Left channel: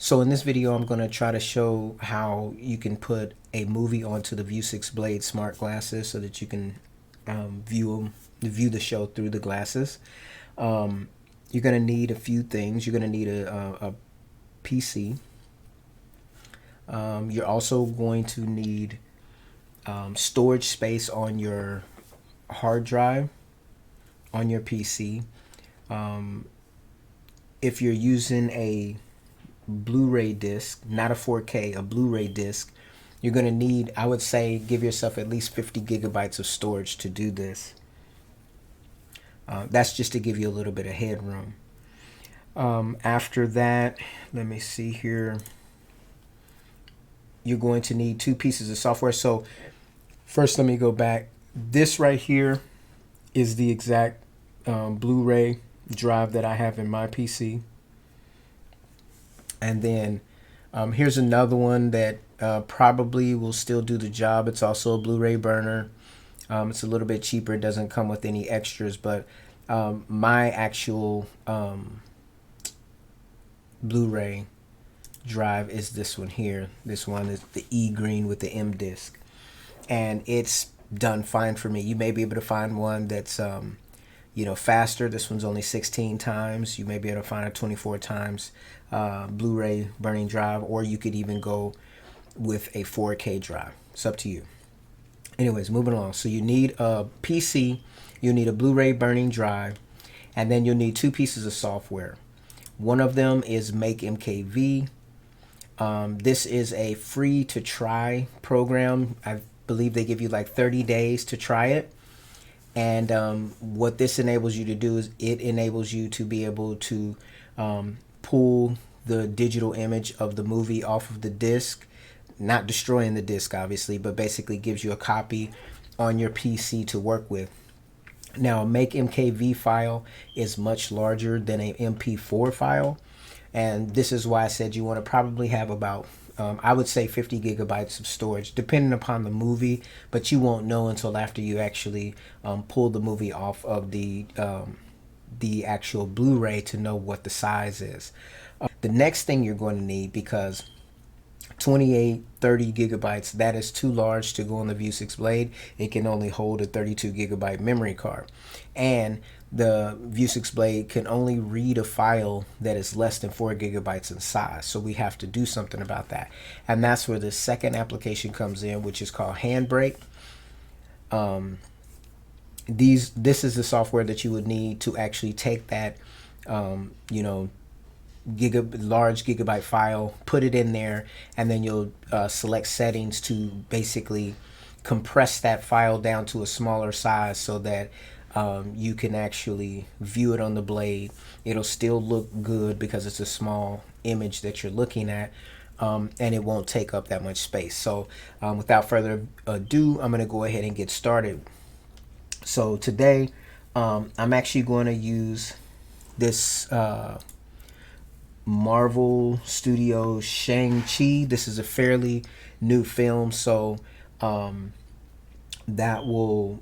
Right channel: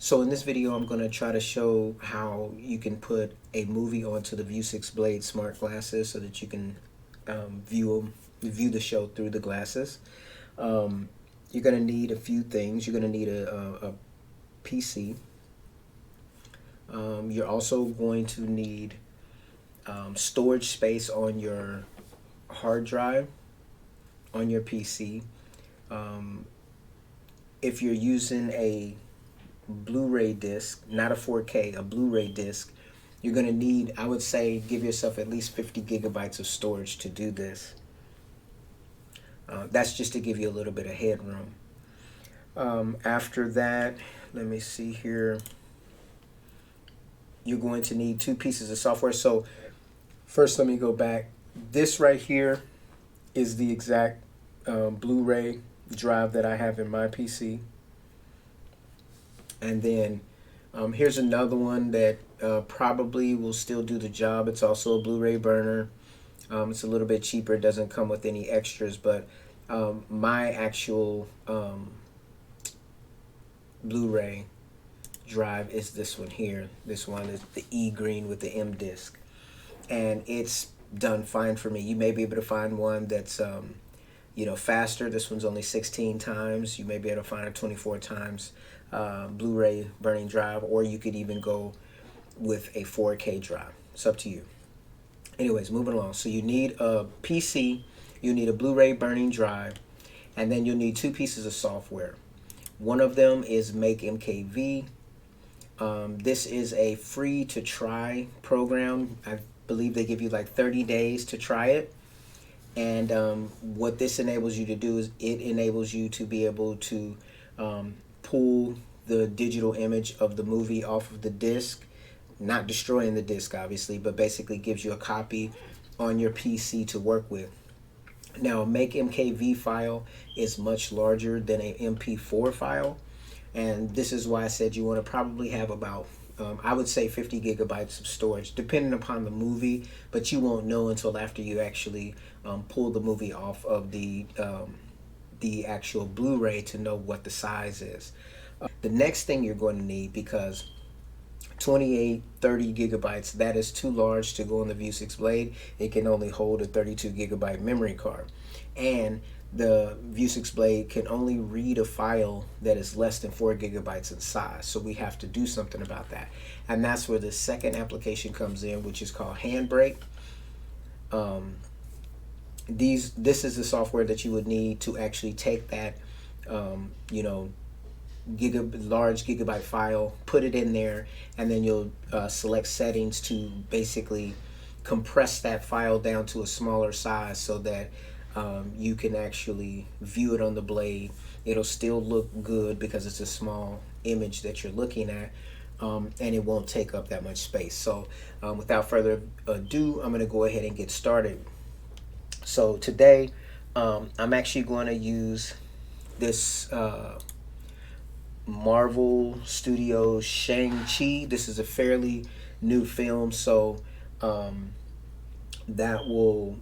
So in this video, I'm going to try to show how you can put a movie onto the Vuzix Blade Smart glasses so that you can view the show through the glasses. You're going to need a few things. You're going to need a PC. You're also going to need storage space on your hard drive on your PC. If you're using a Blu-ray disc, not a 4K, a Blu-ray disc, you're going to need, I would say, give yourself at least 50 gigabytes of storage to do this. That's just to give you a little bit of headroom. After that, let me see here. You're going to need two pieces of software. So first, let me go back. This right here is the exact Blu-ray drive that I have in my PC. And then here's another one that probably will still do the job. It's also a Blu-ray burner. It's a little bit cheaper. It doesn't come with any extras, but my actual Blu-ray drive is this one here. This one is the E green with the M disc, and it's done fine for me. You may be able to find one that's faster. This one's only 16 times. You may be able to find a 24 times Blu-ray burning drive, or you could even go with a 4K drive. It's up to you. Anyways, moving along. So you need a PC, you need a Blu-ray burning drive, and then you'll need two pieces of software. One of them is MakeMKV. This is a free to try program. I believe they give you like 30 days to try it. And what this enables you to do is it enables you to be able to pull the digital image of the movie off of the disc, not destroying the disc obviously, but basically gives you a copy on your PC to work with. Now, a MakeMKV file is much larger than an MP4 file, and this is why I said you want to probably have about I would say 50 gigabytes of storage, depending upon the movie, but you won't know until after you actually pull the movie off of the actual Blu-ray to know what the size is. The next thing you're going to need, because 28, 30 gigabytes, that is too large to go on the Vuzix Blade. It can only hold a 32 gigabyte memory card. And the Vuzix Blade can only read a file that is less than 4 gigabytes in size. So we have to do something about that. And that's where the second application comes in, which is called Handbrake. This is the software that you would need to actually take that, large gigabyte file, put it in there, and then you'll select settings to basically compress that file down to a smaller size so that you can actually view it on the blade. It'll still look good because it's a small image that you're looking at, and it won't take up that much space. So without further ado, I'm going to go ahead and get started. So today I'm actually going to use this Marvel Studios Shang-Chi. This is a fairly new film, so that will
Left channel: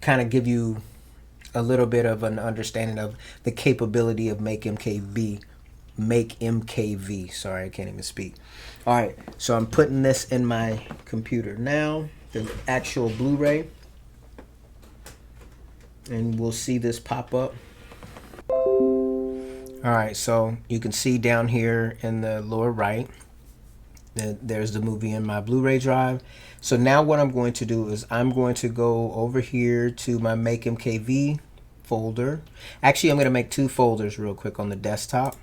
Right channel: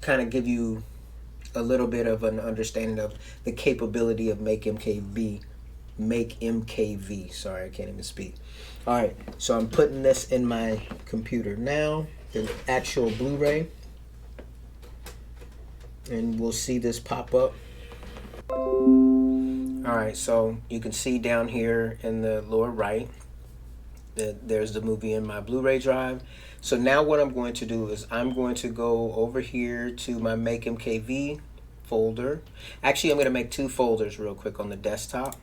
kind of give you a little bit of an understanding of the capability of MakeMKV. Sorry, I can't even speak. All right, so I'm putting this in my computer now, the actual Blu-ray, and we'll see this pop up. Alright, so you can see down here in the lower right, there's the movie in my Blu-ray drive. So now what I'm going to do is I'm going to go over here to my MakeMKV folder. Actually, I'm going to make two folders real quick on the desktop.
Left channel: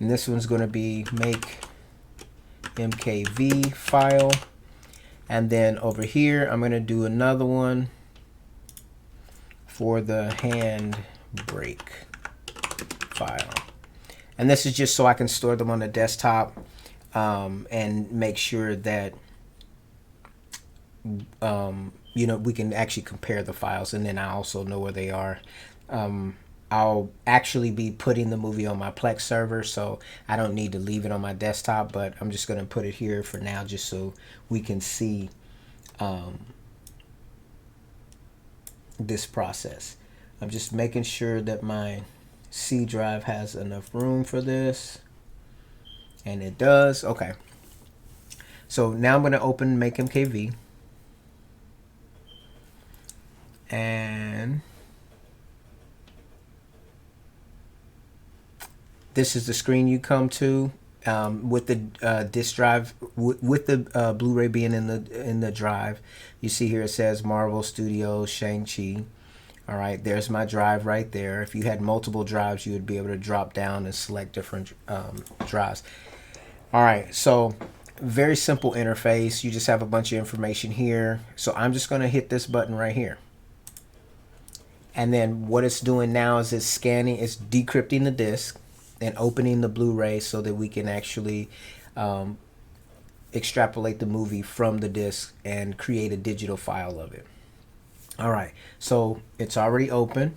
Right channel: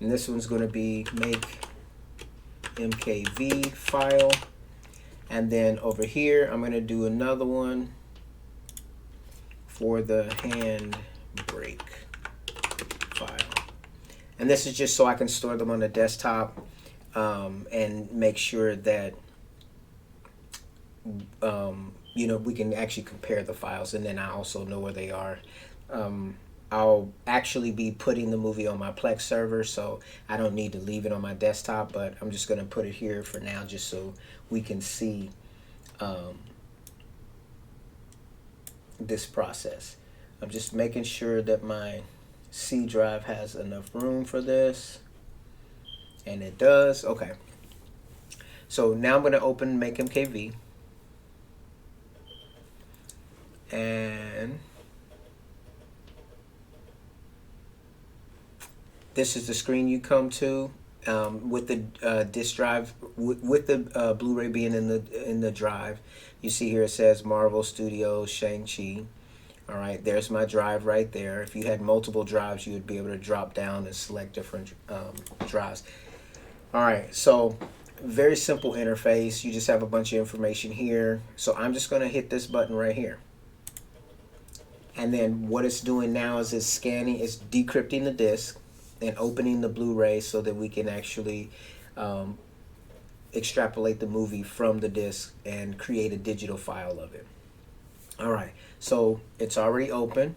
And this one's going to be MakeMKV file. And then over here, I'm going to do another one for the Handbrake file. And this is just so I can store them on the desktop and make sure that we can actually compare the files, and then I also know where they are. I'll actually be putting the movie on my Plex server, so I don't need to leave it on my desktop, but I'm just going to put it here for now just so we can see this process. I'm just making sure that my C drive has enough room for this. And it does. Okay. So now I'm going to open MakeMKV. And this is the screen you come to with the disk drive, with the Blu-ray being in the drive. You see here it says Marvel Studios Shang-Chi. All right, there's my drive right there. If you had multiple drives, you would be able to drop down and select different drives. All right, so very simple interface. You just have a bunch of information here. So I'm just going to hit this button right here. And then what it's doing now is it's scanning, it's decrypting the disk and opening the Blu-ray so that we can actually extrapolate the movie from the disc and create a digital file of it. All right, so it's already open.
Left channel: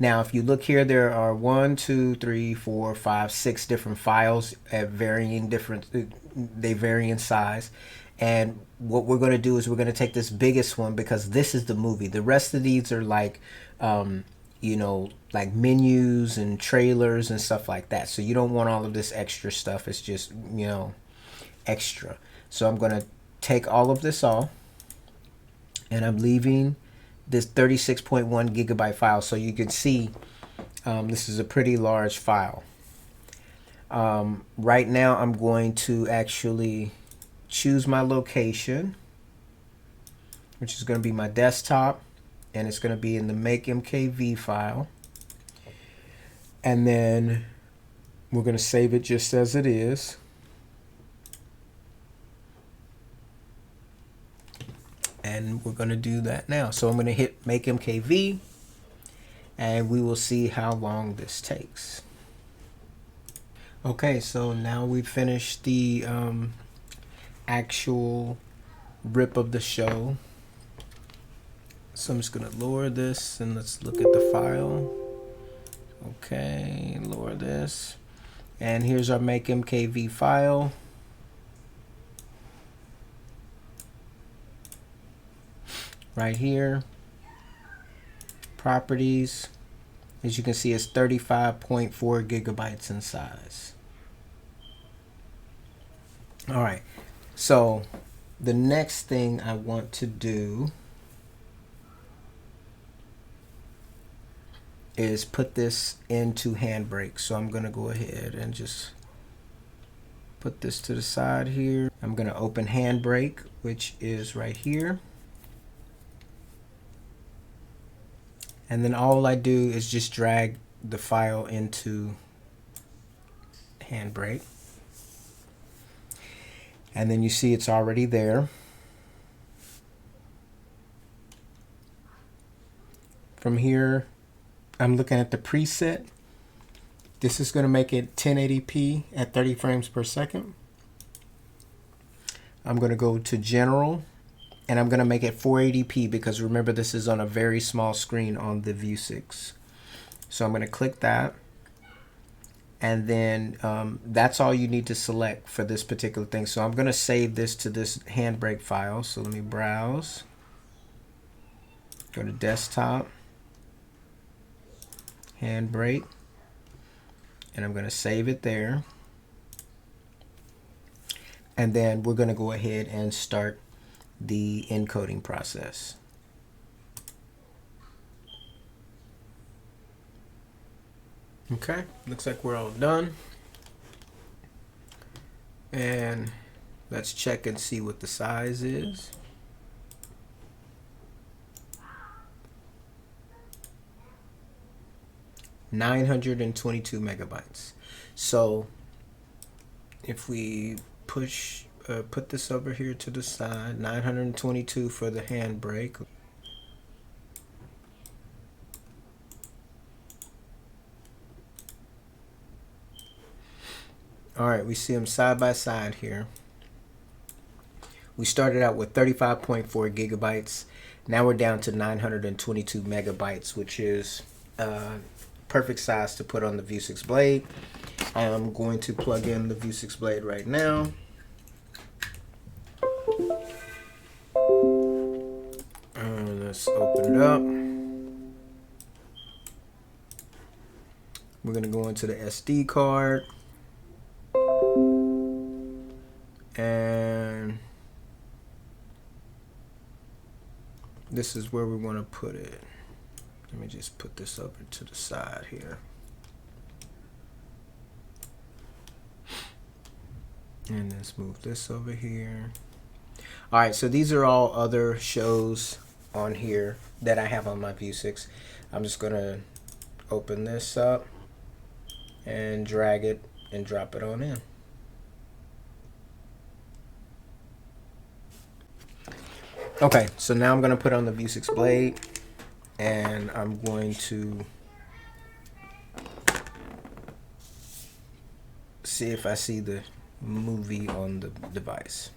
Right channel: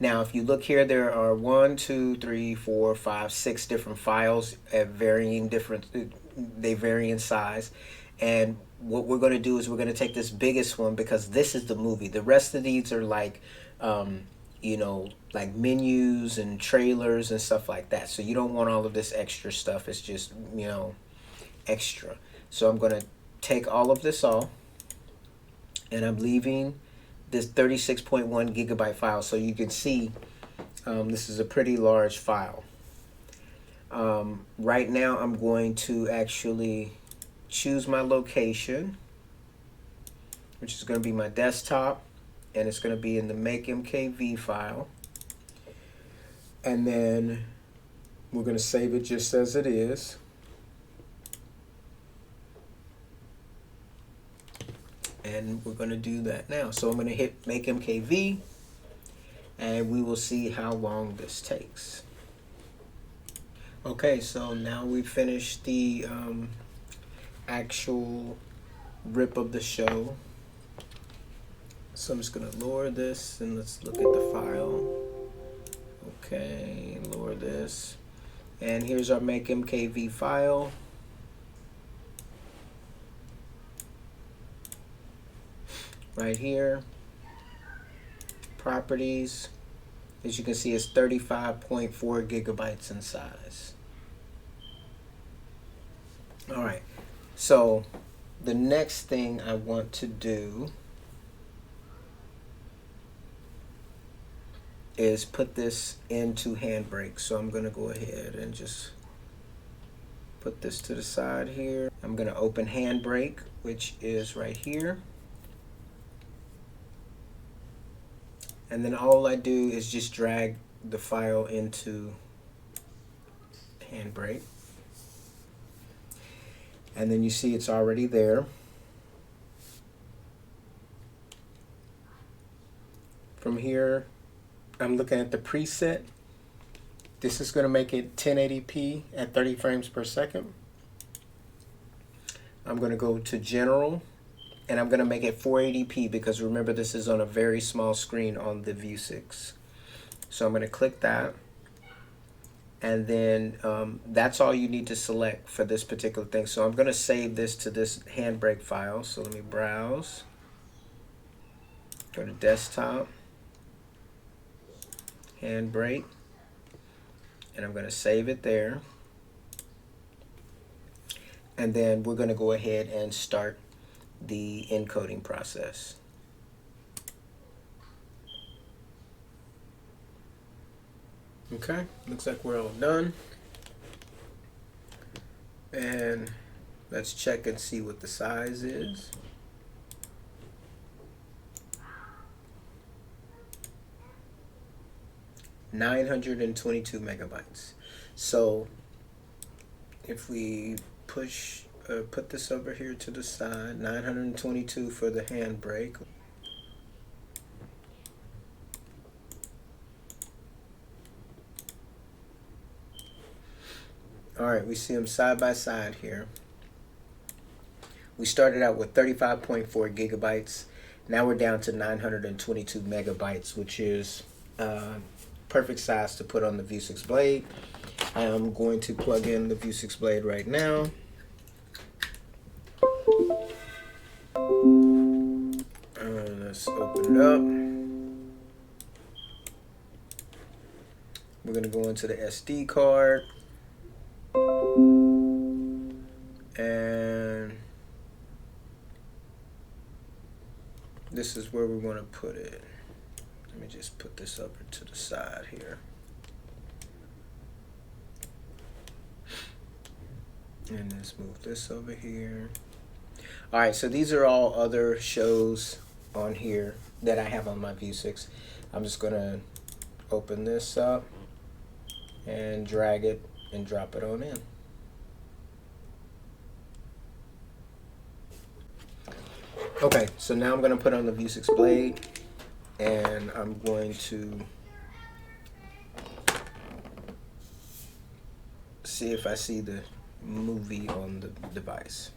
Now, if you look here, there are 1, 2, 3, 4, 5, 6 different files at varying they vary in size. And what we're going to do is we're going to take this biggest one because this is the movie. The rest of these are like, you know, like menus and trailers and stuff like that. So you don't want all of this extra stuff. It's just, you know, extra. So I'm going to take all of this off. And I'm leaving this 36.1 gigabyte file. So you can see this is a pretty large file. Right now I'm going to actually choose my location, which is going to be my desktop, and it's going to be in the MakeMKV file. And then we're going to save it just as it is. And we're going to do that now. So I'm going to hit MakeMKV, and we will see how long this takes. Okay, so now we've finished the actual rip of the show. So I'm just going to lower this and let's look at the file. Okay, lower this. And here's our MakeMKV file. Right here, properties, as you can see, it's 35.4 gigabytes in size. All right, so the next thing I want to do is put this into Handbrake. So I'm going to go ahead and just put this to the side here. I'm going to open Handbrake, which is right here. And then all I do is just drag the file into Handbrake. And then you see it's already there. From here, I'm looking at the preset. This is going to make it 1080p at 30 frames per second. I'm going to go to General. And I'm going to make it 480p because remember this is on a very small screen on the Vuzix. So I'm going to click that. And then that's all you need to select for this particular thing. So I'm going to save this to this Handbrake file. So let me browse. Go to Desktop. Handbrake. And I'm going to save it there. And then we're going to go ahead and start the encoding process. Okay, looks like we're all done. And let's check and see what the size is. (922 megabytes). So if we put this over here to the side, 922 for the Handbrake. All right, we see them side by side here. We started out with 35.4 gigabytes. Now we're down to 922 megabytes, which is perfect size to put on the Vuzix Blade. I am going to plug in the Vuzix Blade right now. Let's open it up. We're going to go into the SD card. And this is where we want to put it. Let me just put this over to the side here. And let's move this over here. All right, so these are all other shows on here that I have on my Vuzix. I'm just gonna open this up and drag it and drop it on in. Okay, so now I'm gonna put on the Vuzix Blade, and I'm going to see if I see the movie on the device.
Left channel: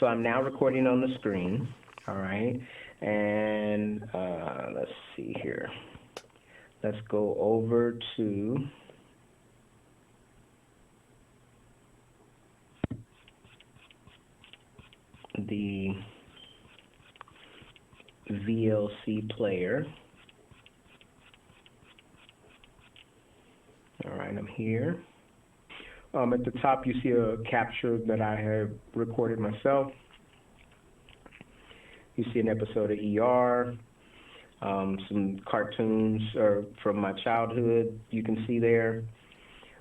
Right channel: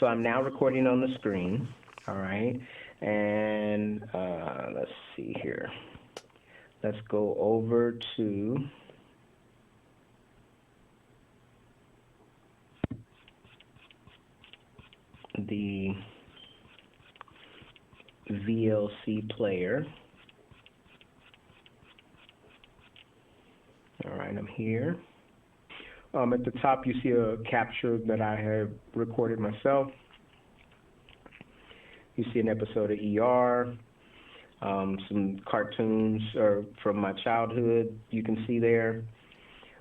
So I'm now recording on the screen, all right, and let's see here. Let's go over to the VLC player. All right, I'm here. At the top, you see a capture that I have recorded myself. You see an episode of ER, some cartoons from my childhood you can see there,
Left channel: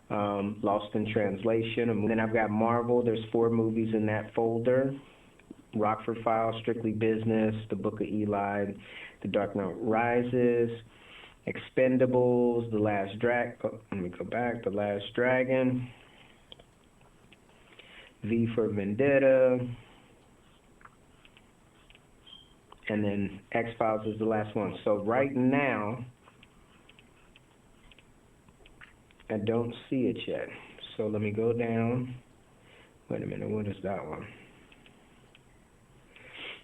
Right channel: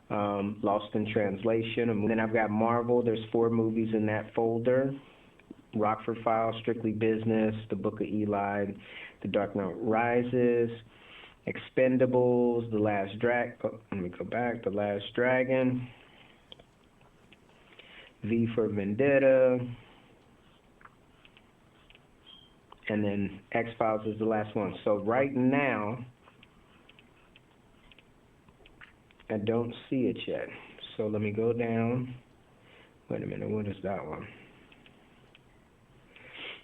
Lost in Translation. And then I've got Marvel. There's 4 movies in that folder. Rockford Files, Strictly Business, The Book of Eli, The Dark Knight Rises, Expendables, The Last Dragon, V for Vendetta, and then X-Files is the last one. So right now, I don't see it yet. So let me go down. Wait a minute, what is that one?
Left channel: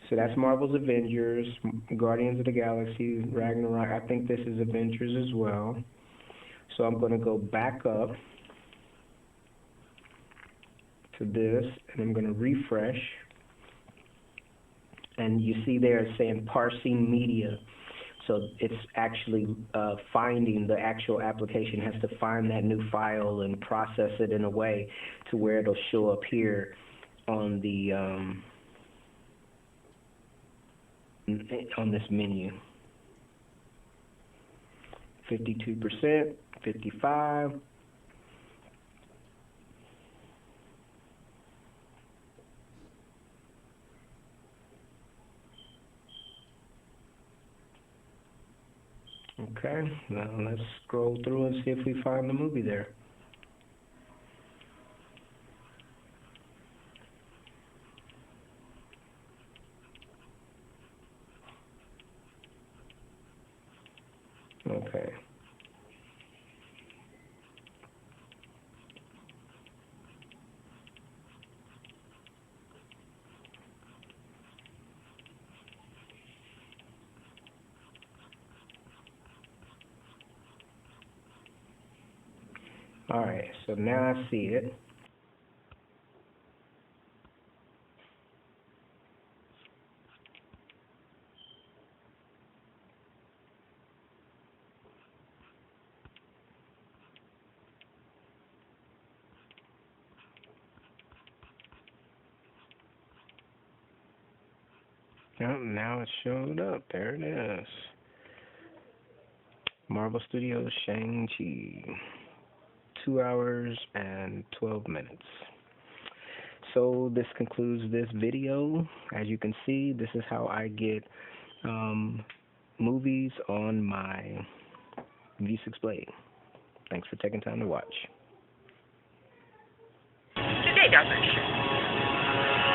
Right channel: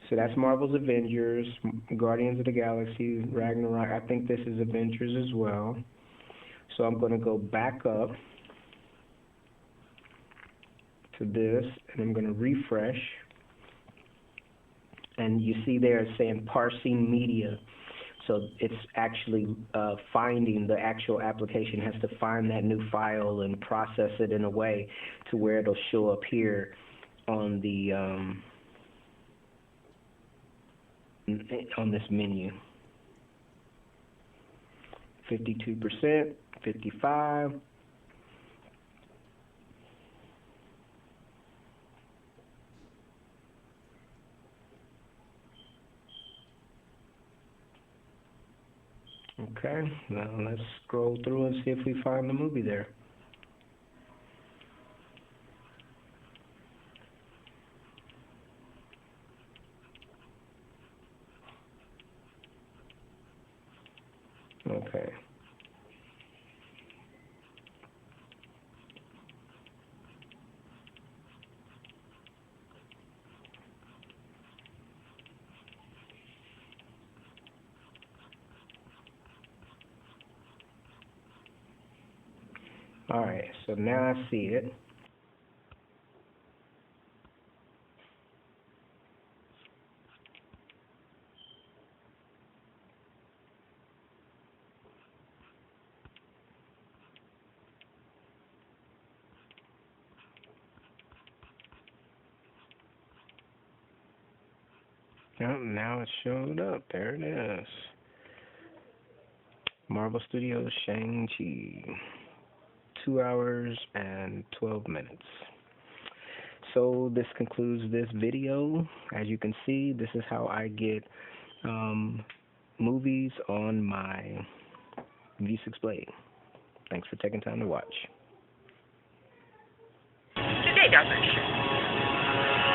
So that's Marvel's Avengers, Guardians of the Galaxy, Ragnarok. I think this is Avengers as well. So I'm going to go back up to this, and I'm going to refresh. And you see there it's saying parsing media. So it's actually finding, the actual application has to find that new file and process it in a way to where it'll show up here on the on this menu. 52%, 55. Okay, now let's scroll through and see if we find the movie there. Okay. All right, so now I see it. Oh, now it showed up. There it is. Marvel Studios Shang-Chi. 2 hours and 12 minutes. So this concludes this video. As you can see, this is how I get movies on my Vuzix Blade. Thanks for taking time to watch. Today doesn't.